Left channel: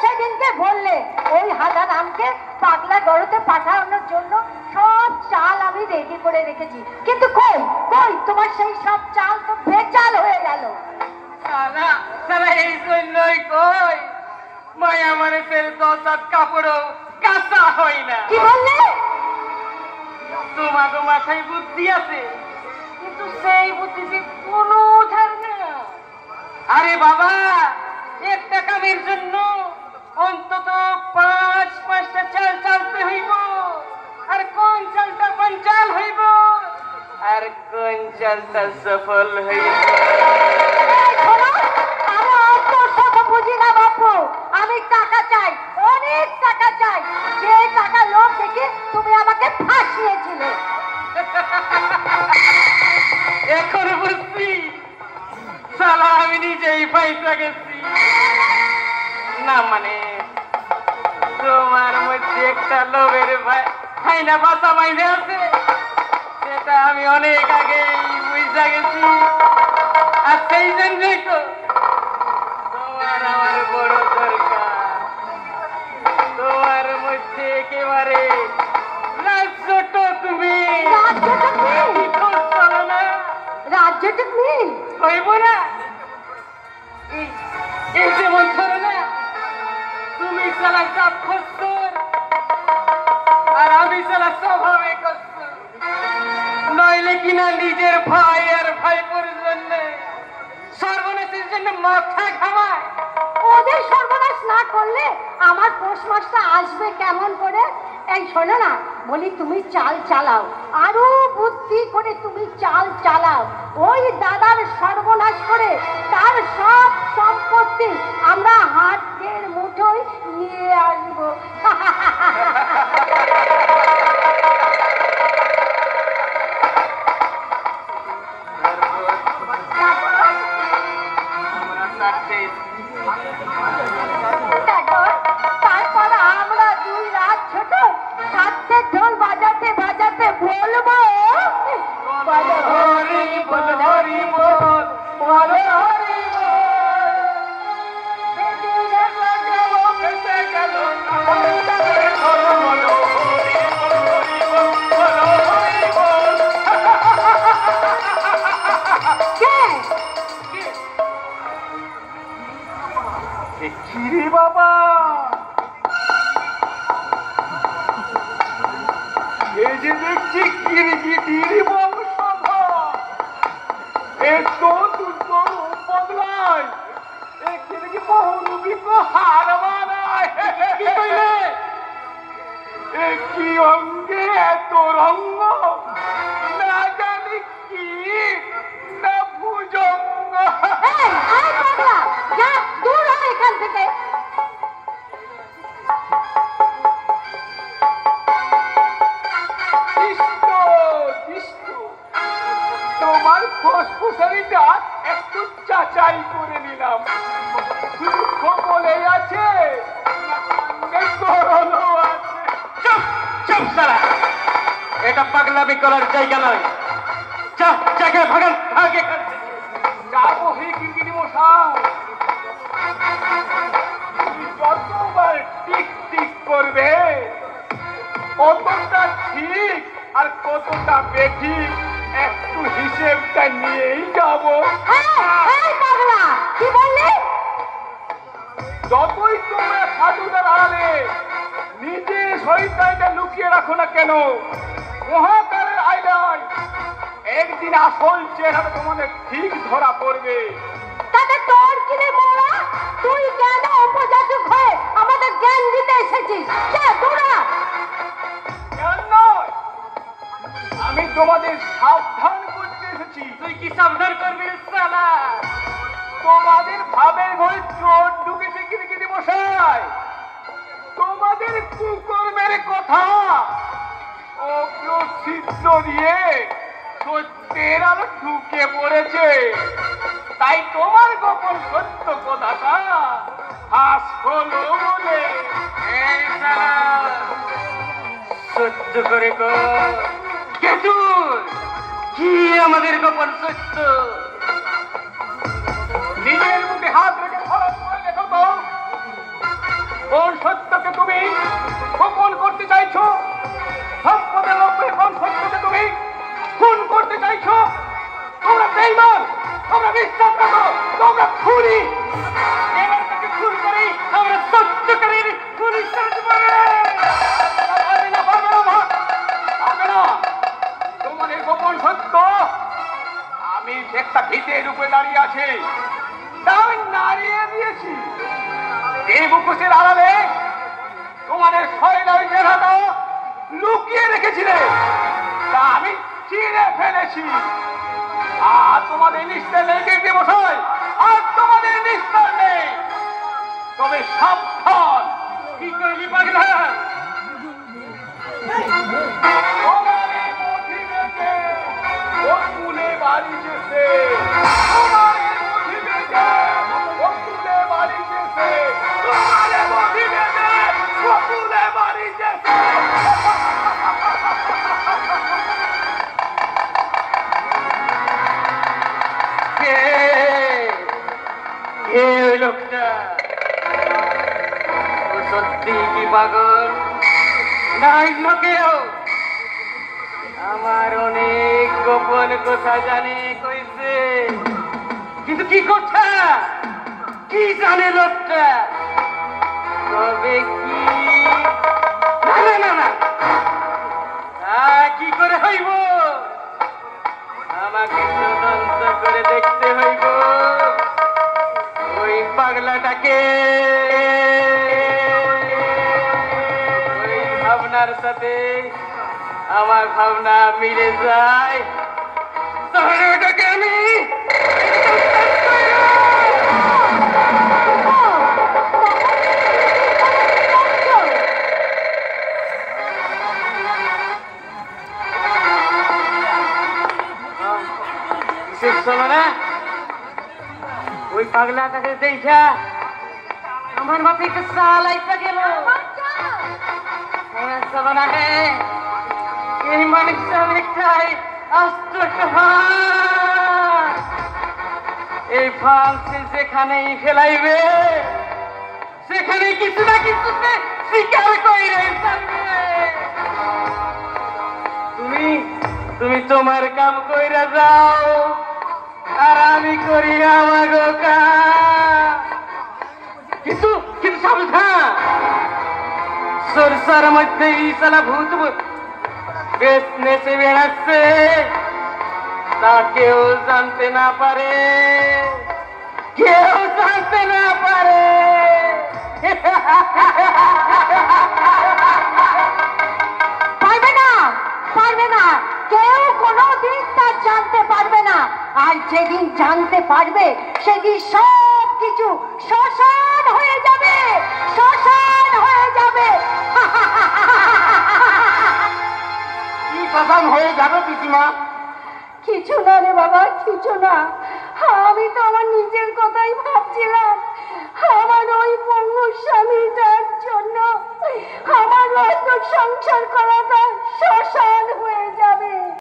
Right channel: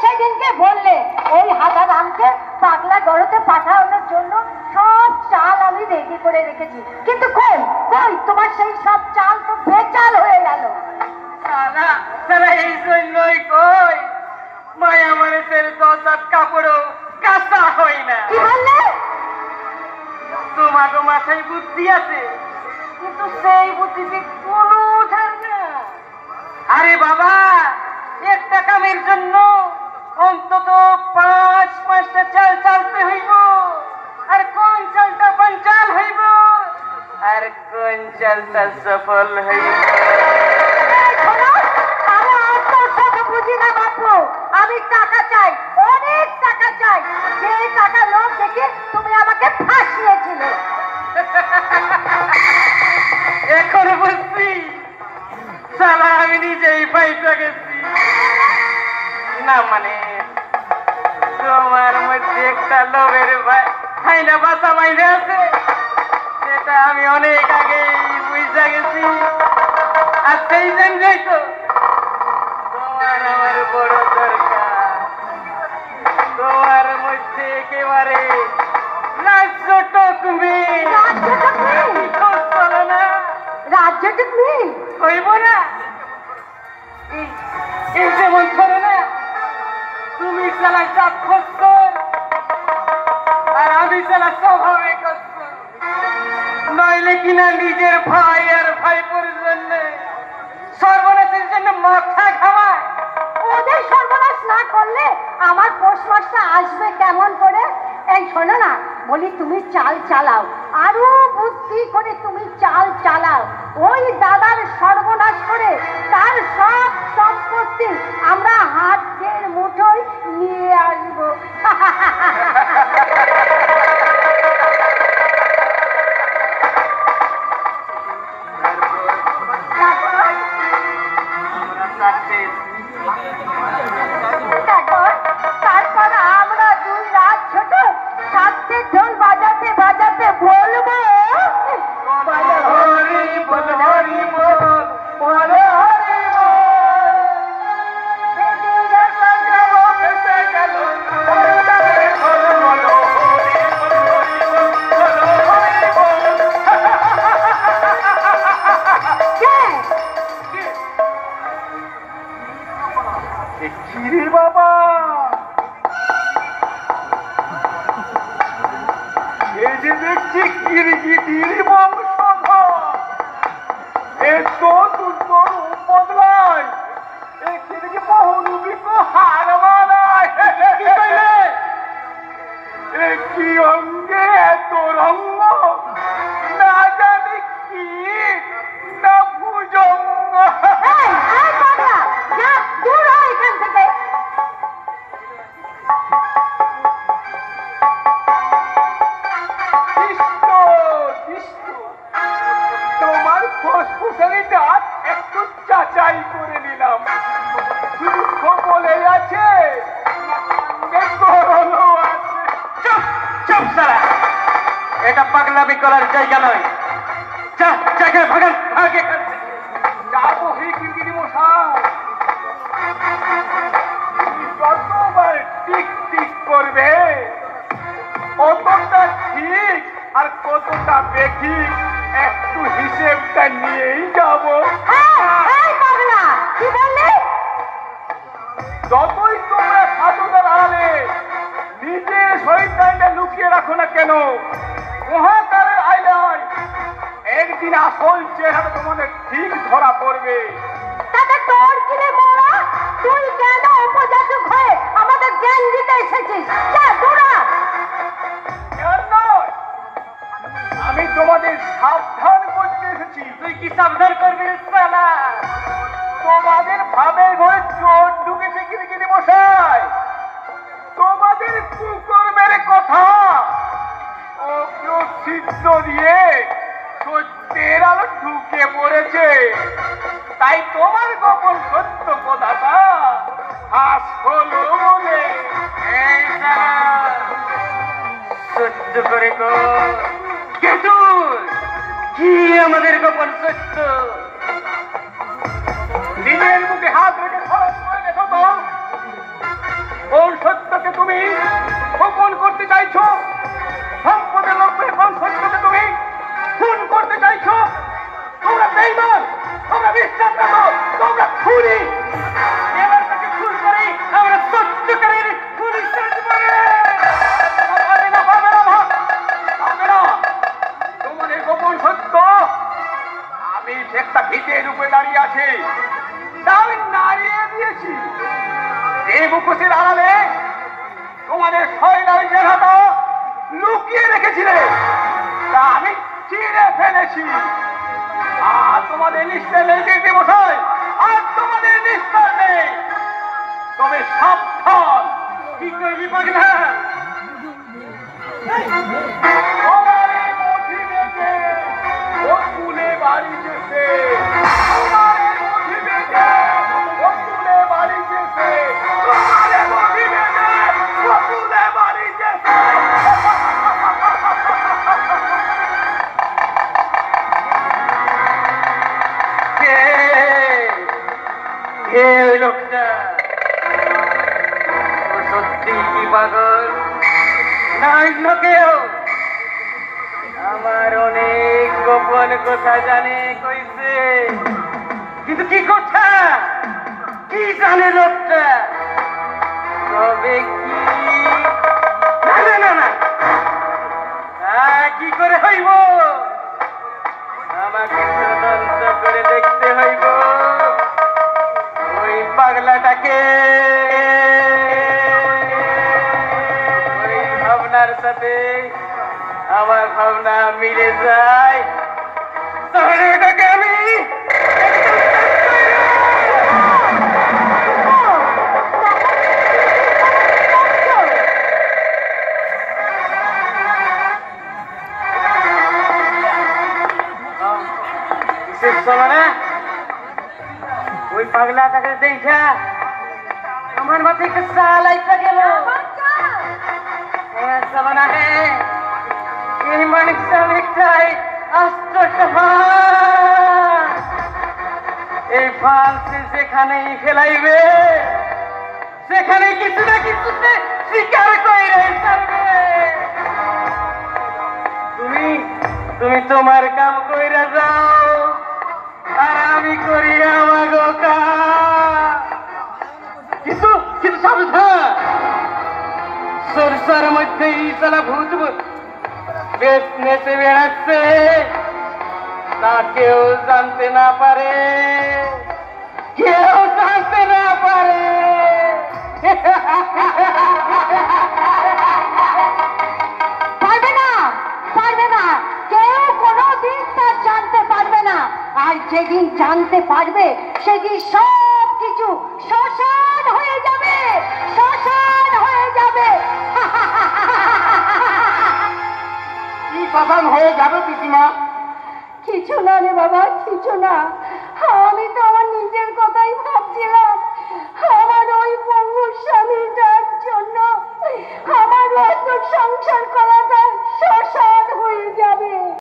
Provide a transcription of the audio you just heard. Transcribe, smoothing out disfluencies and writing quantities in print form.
সেদিনকে বললে ওই হাদারামকে পাগলা গড়তে পাঠানোর জন্য সব চাল আমি রেডি করে রেখেছি, কিন্তু কই কই তোমার সেই সব চাল তো বেচাল হয়ে গেল। এই জন্যই কই মায়া মানে তেল 10 হাত কাপড়ও কাঁচা হয় না। কি বললে? তোমার মাথায় বুদ্ধি আছে, কিন্তু সেই বুদ্ধিতে কোনো উঠার না। আরে বাবা, একটা কামের জন্য অন্তত 5-5টা চাল চালতে হইব, আর কোন চালটা পঞ্চাল হইব, আর কোন চালটা সফল হইব। আমি অত শত বুঝি না বাপু, আমি টাকা চাই, অনেক টাকা চাই। যে টাকা লোক দেখে তুমি আমাকে ফাঁসিয়েছিলে। এখন বুঝছি শালা আমি নিজেই পয়সা গেছি না। মানে তোমার মধ্যে একটা লোভের খাইনা বাসা বাইরে আছে, সেটা আমি অনেক আগেই বুঝা গেছি। আর সেই জন্যই তো তোমার আমার বড় দরকার। তোমার মধ্যে একেবারে রাজ্যটুক নেই হইব না। এই যেমন ধরো না, তুমি চালা সাক্ষর আর আমি চালা স্বভাবে কষ্ট, নইলে কিনা নিজের ভাই আর ভাইপোর জন্য সর্বনাশের জন্য মাথা ঘামায়। ওদের সর্বনাশ না করলে আমার পৌষ মাসটা আসবে কেমন করে? এই শোনো না, বলি তুমি চাল চালাও, আরো বুদ্ধি করে তুমি চাল চালাও। ওই দাদার সর্বনাশ করে তার সব সম্পত্তি আমরা হাতের মুঠোয় নিয়ে আসবো। তারপর আমরা 2 রাত ছোট সাথে ঢোল বাজাতে বাজাতে বলবো হরি বল হরি বল, হরি বাবা, এই যে দেখছি কিরগিটির বংশধর, এ তো দুর্গর বদলায়, এ কিরগি বহুরূপীক হার মানায়। এ কি অঙ্গে এত রঙ্গ, না জানি কি না ভুজঙ্গ। দূর হয় এখান থেকে। তোমার ফুসফুসারি দাঁত একটু যাচাই করে নিলাম, দুঃখ বলে আছে, চুপ সারা, এটা পাগলামি করার জায়গা নয়। ভাগান আগে যাবো। হে কিরগিরি মশাই, যতবার টিক টিক করবে কতটা ঠিক আর কতটা বেঠিক একটু হিসেবটা নিয়েই যাব। যতই তোমরা সাধুদার আড়ালে নিজের শরীরটা লুকিয়ে রাখো না কেন, মহাকারের আয়নায় একদিন আসল চেহারা তোমাদের ঠিক ধরা পড়বে। তোর কিনে মরা, তুই কেন উপজাতক হয়ে আমাদের জ্ঞান দিতে এসেছিস? আমি তোমাদের সাবধান করতে এসেছি। তুই কি সাবধান করবি? তোমাদের ভাবের ঘরে চোর ঢুকেছে কিরগিরি মশাই। তোমাদের কুকর্মের কথা ছিদ্র দিয়ে সত্যের আলো ঢুকে পড়েছে, তাই তোমার গোপন সত্য কথাটা ফাঁস হলো বলে সহ্য করে গো। কি আমাদের গোপন সত্য? নিজের মুখে হাত রেখে খরচ করে দেখো তো। এই মুখোশের আড়ালে তোমাদের শৈলার জায়গাটা লুকিয়ে রেখেছিলে, তা আমি চিনে ফেলেছি। আর তোমাদের নিশ্চয় নেই দেখতে বসাই, আর তোমাদের নিশ্চয় নেই। তবে সাবধান। কি করবি পাগলা? বাড়ি যেতে বাড়ি যেতে বাড়ি যেতে ওই লোকটা ও সত্যি কি পাগল না অন্য কেউ? আমার অনেক গোপন কথা জানে কইছে, কিন্তু কি কথা কি জানে লোকটা? তবে কি জানে না না কি করে হইব? আমাকে তদন্ত করে দেখতে হইব ওই পাগলাটাকে ওই ভাবনার সাথে আমার ভাবনা মিলে যায়, তাহলে ওটাকে আমি মানে ওই পাগলাটাকে দেখা আমার মাথায় একটা চাল আইসা গেল। এই মানুষটা অনেকটাই আস্ত এই ফান্সে যেখানেই ফেলাইবে সেখানে কিছু না কিছুতে স্বীকার করে চলবে। তুমি তোমার কাম কইরা যাও, আর আমি করি আমার কিন্তু কিন্তু সাবধান, সরষার মধ্যে ইসালা ভূত বেশ নেচে বেড়াচ্ছে, তা কেউ জানতে না পারে, কেউ জানতে না পারে। পারবে না, পারবে না, কেউ কোনোদিন তা জানতে পারবে না। আর যেদিন জানতে পারবে সেদিন সব কিছু শ্মশান হয়ে যাবে, শ্মশান হয়ে যাবে। কি শ্মশান হয়ে যাবে পিসিমা? কিছু না রে বাবা, কিছু না। আমি তো আমার নিজের